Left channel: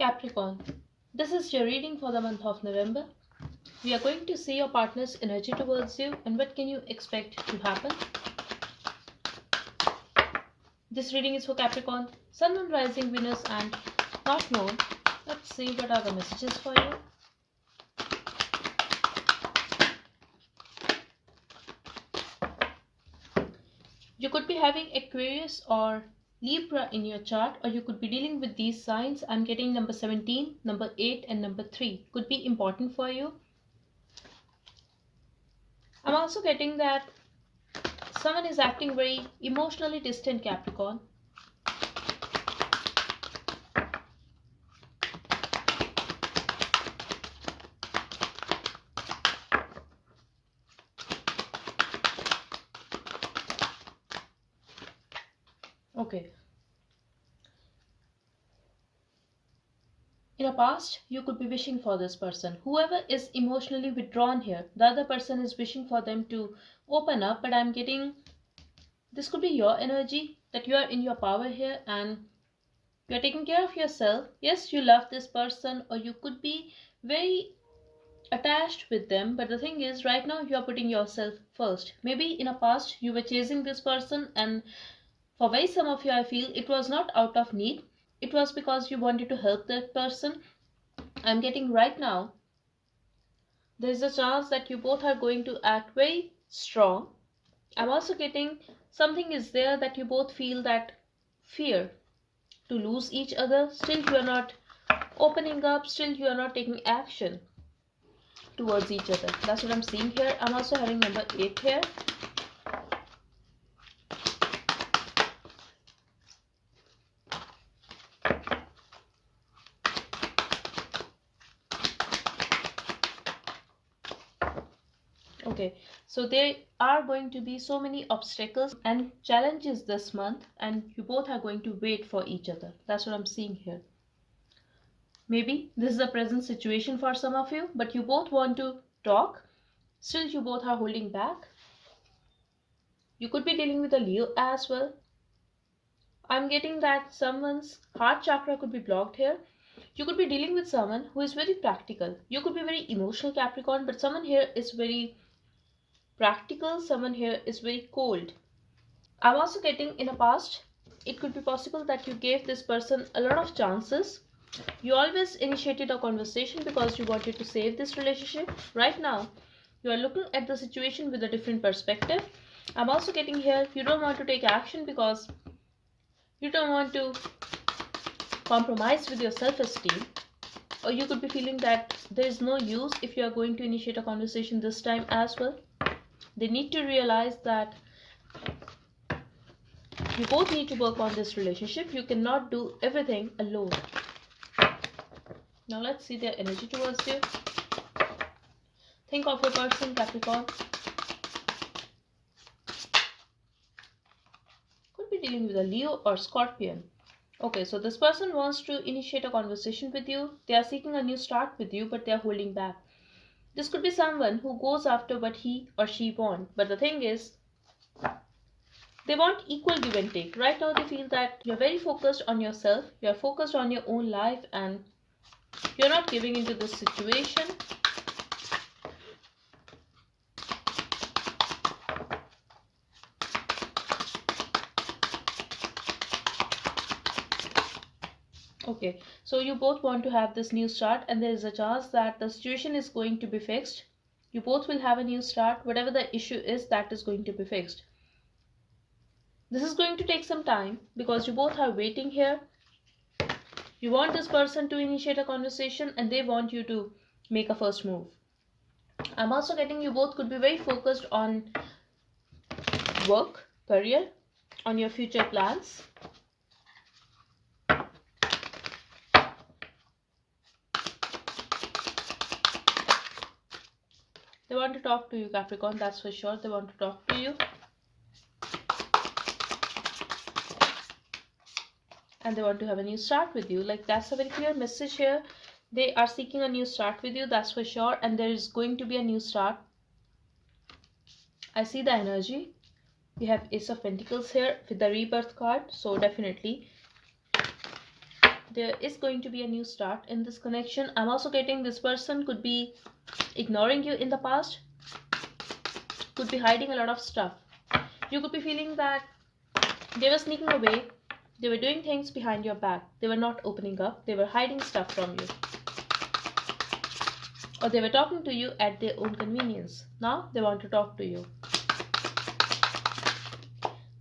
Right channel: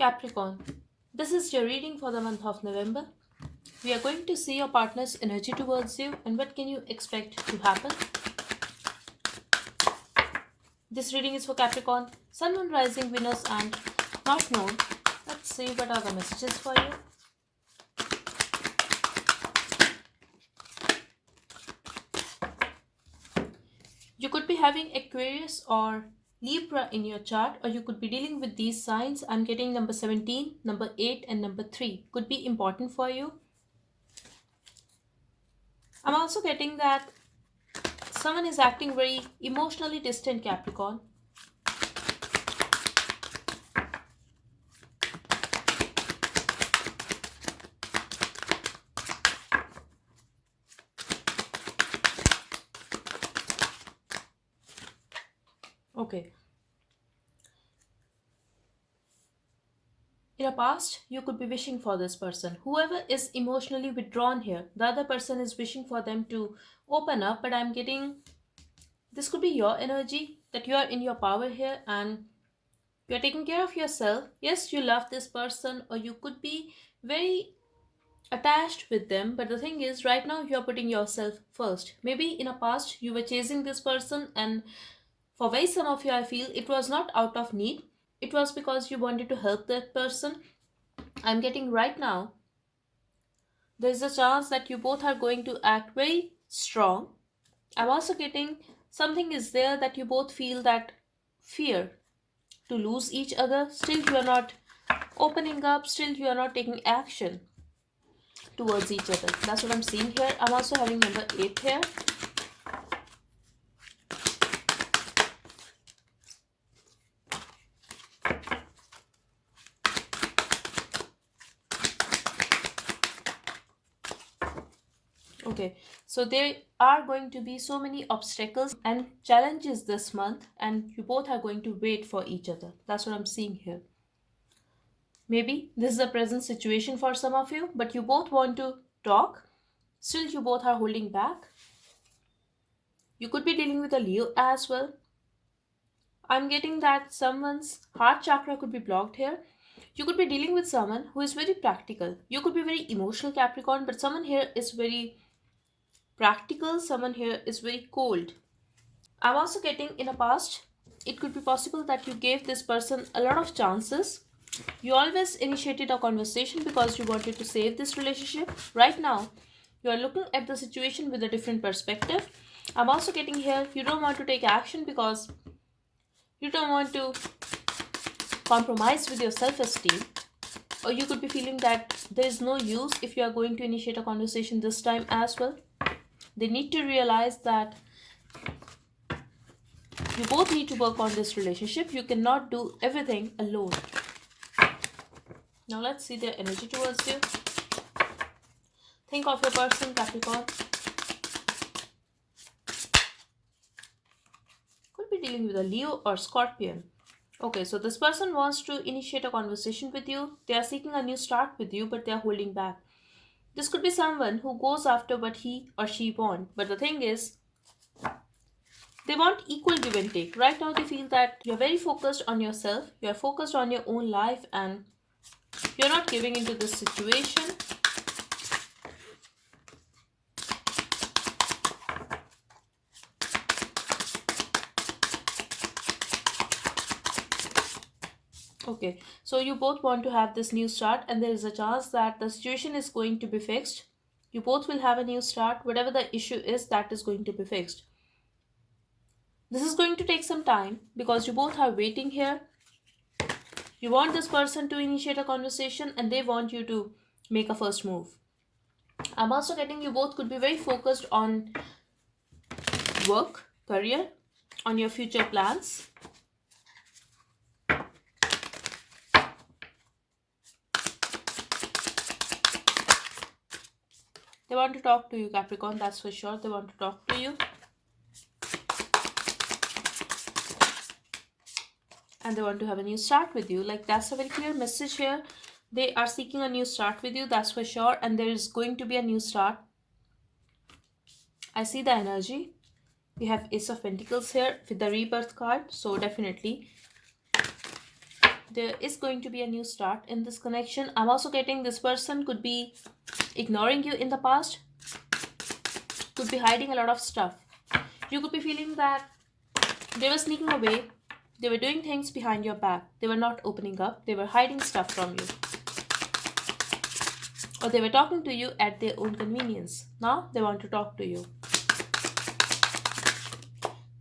Capricorn, this is your reading for the month of November. We are going to see your partner's energy towards you and what can you expect to happen. This reading is for Capricorn, Sun, Moon, Rising, Venus and North Node. Let's see what are the messages for you. You could be having Aquarius or Libra in your chart, or you could be dealing with these signs. I'm getting number 17, number 8 and number 3 could be important for you. I'm also getting that someone is acting very emotionally distant, Capricorn. Okay. In the past, you could be wishing for this person. Whoever is emotionally withdrawn here, the other person is wishing for them to open up, but I'm getting this could be your energy that you are in your power here and you are taking care of yourself. Yes, you love this person, or you could be very attached with them, but the thing is, right now you are putting yourself first. Maybe in a past you were chasing this person, and for very some of you, I feel it was not out of need, it was because you wanted to help that person. I'm getting right now there's a chance that you both are going to act very strong. I'm also getting something is there that you both feel that fear to lose each other. Still, you are not opening up, still, you are not taking action towards each other. That's what I'm seeing here. I'm also having number 8 here. Okay, so there are going to be so many obstacles and challenges this month, and you both are going to wait for each other. That's what I'm seeing here. Maybe this is the present situation for some of you, but you both want to talk. Still, you both are holding back. You could be dealing with a Leo as well. I'm getting that someone's heart chakra could be blocked here. You could be dealing with someone who is very practical. You could be very emotional, Capricorn, but someone here is very practical. Someone here is very cold. I'm also getting in a past, it could be possible that you gave this person a lot of chances. You always initiated a conversation because you wanted to save this relationship. Right now, you are looking at the situation with a different perspective. I'm also getting here, you don't want to take action because you don't want to compromise with your self esteem. Or you could be feeling that there is no use if you are going to initiate a conversation this time as well. They need to realize that you both need to work on this relationship. You cannot do everything alone. Now let's see their energy towards you. Think of your person, Capricorn. Could be dealing with a Leo or Scorpion. Okay, so this person wants to initiate a conversation with you. They are seeking a new start with you, but they are holding back. This could be someone who goes after what he or she wants. But the thing is, they want equal give and take. Right now, they feel that you're very focused on yourself, you're focused on your own life, and you're not giving into this situation. Okay, so you both want to have this new start, and there is a chance that the situation is going to be fixed. You both will have a new start. Whatever the issue is, that is going to be fixed. This is going to take some time because you both are waiting here. You want this person to initiate a conversation and they want you to make a first move. I'm also getting you both could be very focused on work, career, on your future plans. They want to talk to you, Capricorn, that's for sure. They want to talk to you. And they want to have a new start with you. Like, that's a very clear message here. They are seeking a new start with you, that's for sure. And there is going to be a new start. I see the energy. We have Ace of Pentacles here with the rebirth card. So definitely There is going to be a new start in this connection. I'm also getting this person could be ignoring you in the past, could be hiding a lot of stuff. You could be feeling that they were sneaking away, they were doing things behind your back, they were not opening up, they were hiding stuff from you, or they were talking to you at their own convenience. Now they want to talk to you.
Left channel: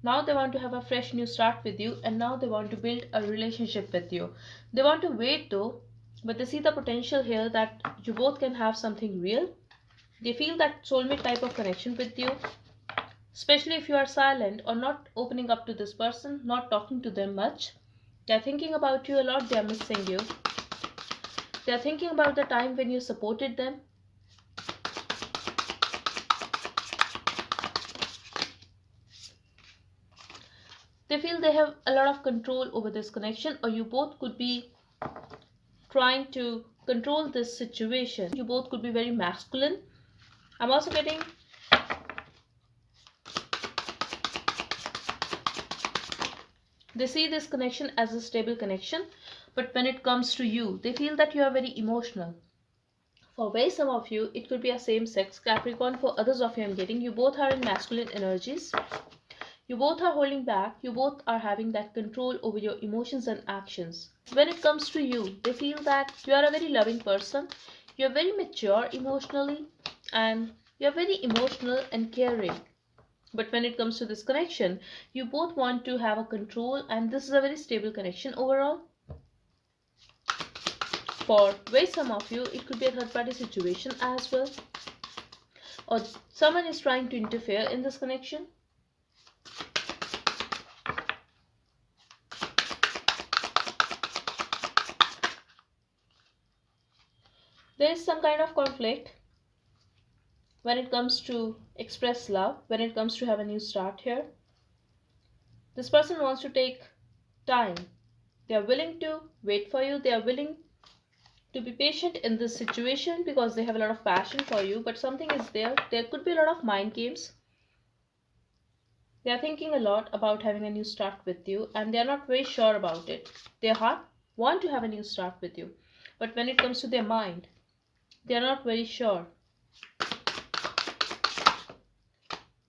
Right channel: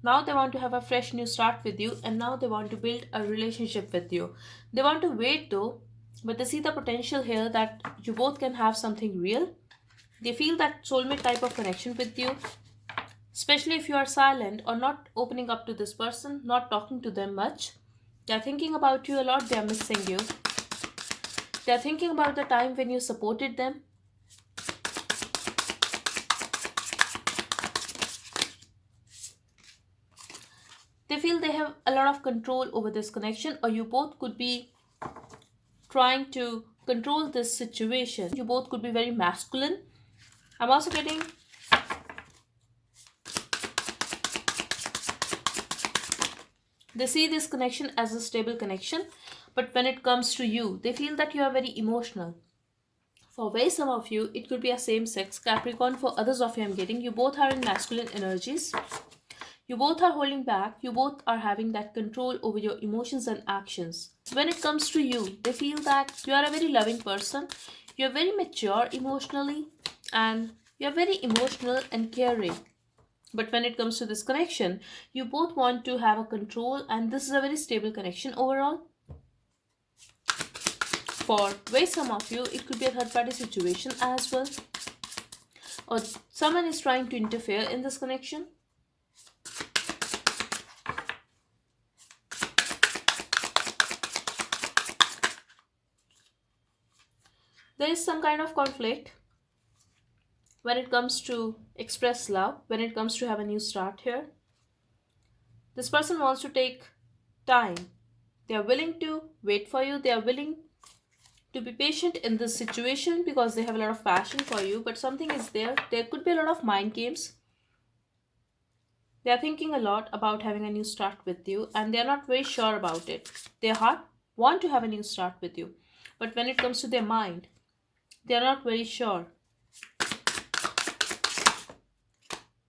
Now they want to have a fresh new start with you, and now they want to build a relationship with you. They want to wait though, but they see the potential here that you both can have something real. They feel that soulmate type of connection with you, especially if you are silent or not opening up to this person, not talking to them much. They are thinking about you a lot, they are missing you. They are thinking about the time when you supported them. They feel they have a lot of control over this connection, or you both could be trying to control this situation. You both could be very masculine. I'm also getting they see this connection as a stable connection, but when it comes to you, they feel that you are very emotional. For very some of you, it could be a same sex Capricorn. For others of you, I'm getting you both are in masculine energies. You both are holding back, you both are having that control over your emotions and actions. When it comes to you, they feel that you are a very loving person, you're very mature emotionally, and you're very emotional and caring. But when it comes to this connection, you both want to have a control, and this is a very stable connection overall. For very some of you, it could be a third party situation as well, or someone is trying to interfere in this connection. There is some kind of conflict when it comes to express love, when it comes to have a new start here. This person wants to take time. They are willing to wait for you, they are willing to be patient in this situation because they have a lot of passion for you, but something is there. There could be a lot of mind games. They are thinking a lot about having a new start with you, and they are not very sure about it. Their heart want to have a new start with you, but when it comes to their mind, they are not very sure.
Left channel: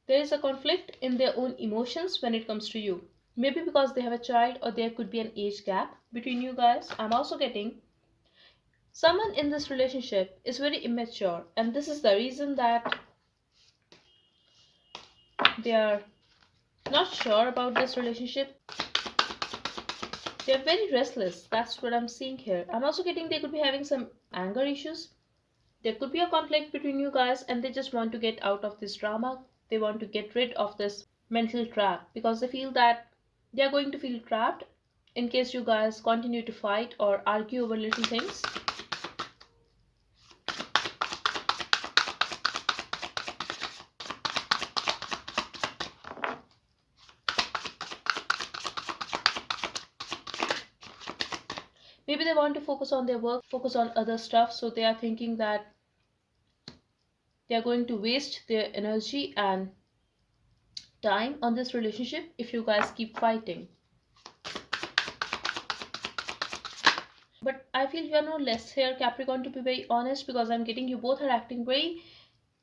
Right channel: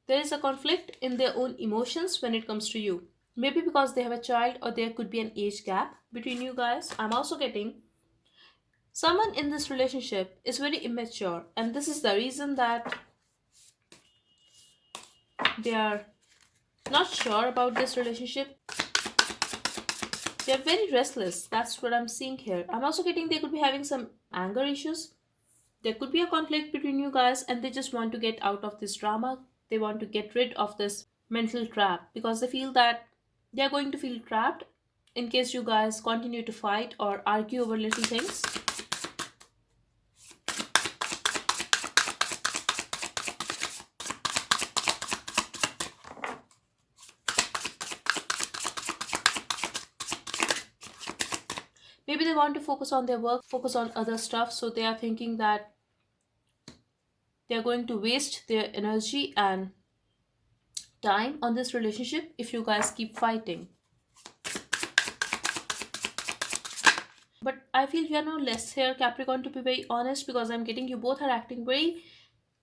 There is a conflict in their own emotions when it comes to you. Maybe because they have a child, or there could be an age gap between you guys. I'm also getting someone in this relationship is very immature, and this is the reason that they are not sure about this relationship. They are very restless. That's what I'm seeing here. I'm also getting they could be having some anger issues. There could be a conflict between you guys, and they just want to get out of this drama. They want to get rid of this mental trap because they feel that they are going to feel trapped in case you guys continue to fight or argue over little things. Maybe they want to focus on their work, focus on other stuff, so they are thinking that they are going to waste their energy and time on this relationship if you guys keep fighting. But I feel you are no less here, Capricorn, to be very honest, because I'm getting you both are acting very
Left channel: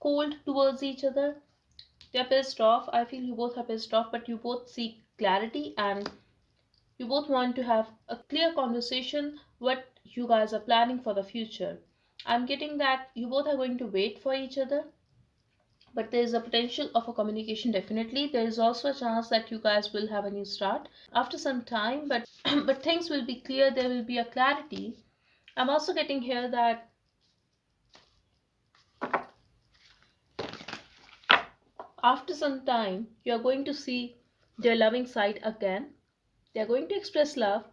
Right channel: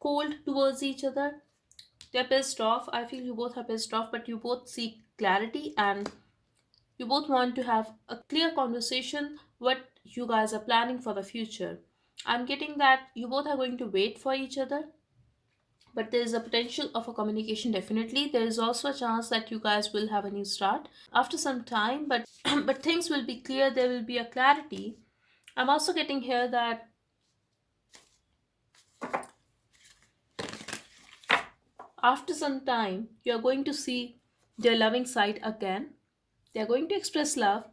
cold towards each other. They're pissed off. I feel you both are pissed off, but you both seek clarity, and you both want to have a clear conversation what you guys are planning for the future. I'm getting that you both are going to wait for each other, but there is a potential of a communication. Definitely there is also a chance that you guys will have a new start after some time, but but things will be clear, there will be a clarity. I'm also getting here that after some time you are going to see their loving side again. They are going to express love.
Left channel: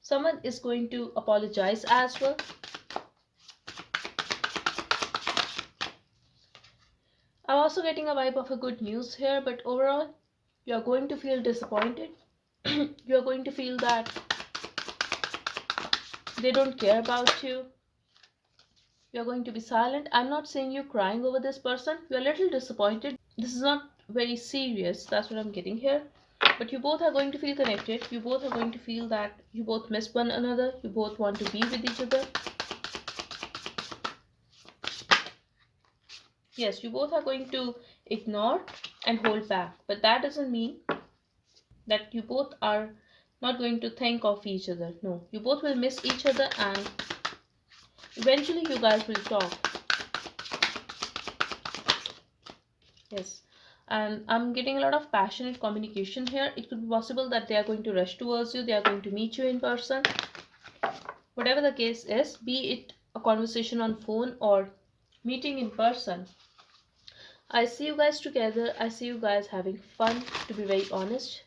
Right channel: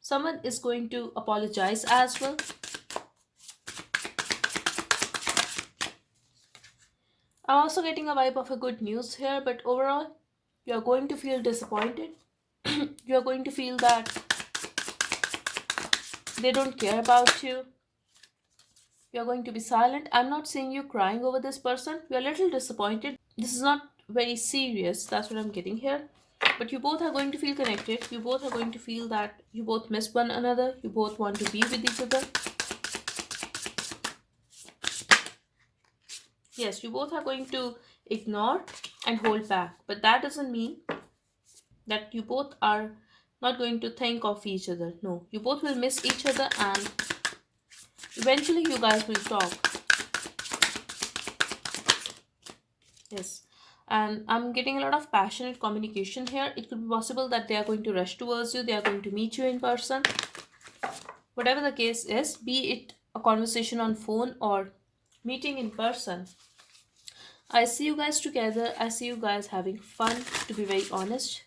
Someone is going to apologize as well. I'm also getting a vibe of a good news here, but overall, you are going to feel disappointed. You are going to feel that they don't care about you. You're going to be silent. I'm not saying you crying over this person. You're a little disappointed. This is not very serious. That's what I'm getting here. But you both are going to feel connected. You both are going to feel that you both miss one another. You both want to be with each other. Yes, you both are going to ignore and hold back. But that doesn't mean that you both are not going to think of each other. No, you both will miss each other and eventually you guys will talk. Yes. And I'm getting a lot of passionate communication here. It could be possible that they are going to rush towards you, they are going to meet you in person. Whatever the case is, be it a conversation on phone or meeting in person, I see you guys together. I see you guys having fun, to be very honest.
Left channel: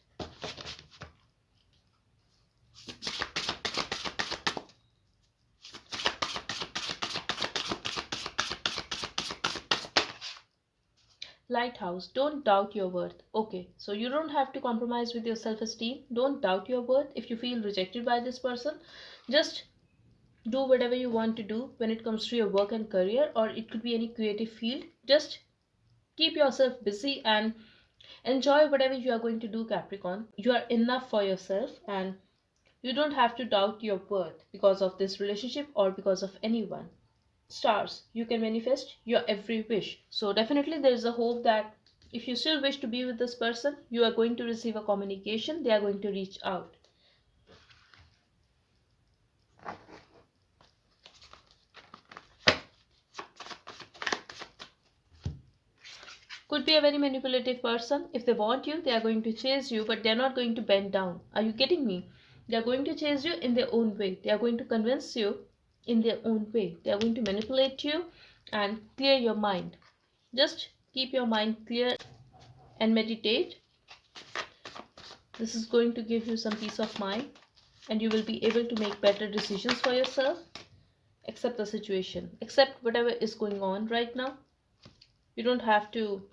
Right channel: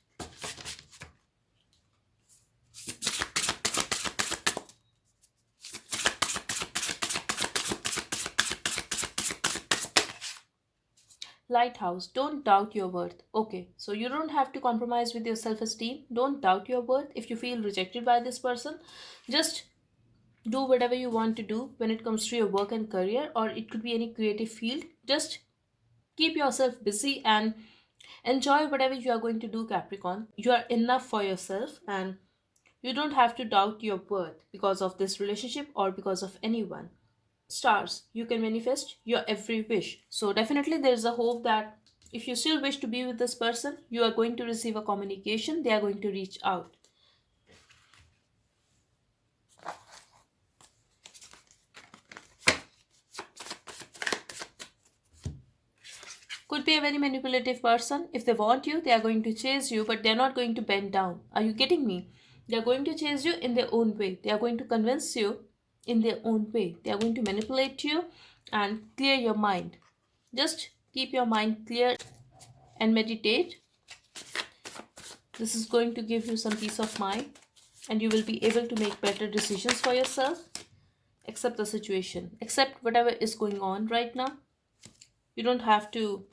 Lighthouse, don't doubt your worth. Okay, so you don't have to compromise with your self esteem. Don't doubt your worth. If you feel rejected by this person, just do whatever you want to do when it comes to your work and career, or it could be any creative field. Just keep yourself busy and enjoy whatever you are going to do, Capricorn. You are enough for yourself and you don't have to doubt your worth because of this relationship or because of anyone. Stars, you can manifest your every wish. So, definitely, there is a hope that if you still wish to be with this person, you are going to receive a communication, they are going to reach out. Could be a very manipulative person. If they want you, they are going to chase you, but they're not going to bend down. Are you getting me? They are going to chase you in their own way. They are going to convince you in their own way. They are going to manipulate you and clear your mind. Just keep your mind clear and meditate. This is going to give you some peace of mind and you will be able to make better decisions for yourself. Accept the situation, accept whatever is going on right now. You don't have to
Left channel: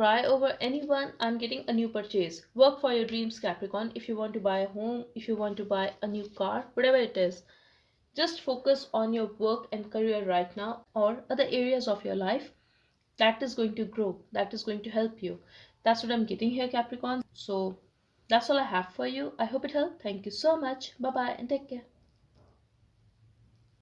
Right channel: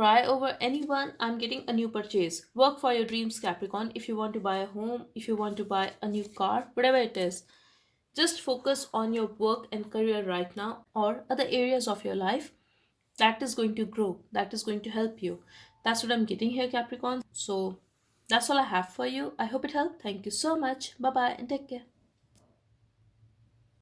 cry over anyone. I'm getting a new purchase. Work for your dreams, Capricorn. If you want to buy a home, if you want to buy a new car, whatever it is, just focus on your work and career right now or other areas of your life. That is going to grow, that is going to help you. That's what I'm getting here, Capricorn. So that's all I have for you. I hope it helped. Thank you so much. Bye bye and take care.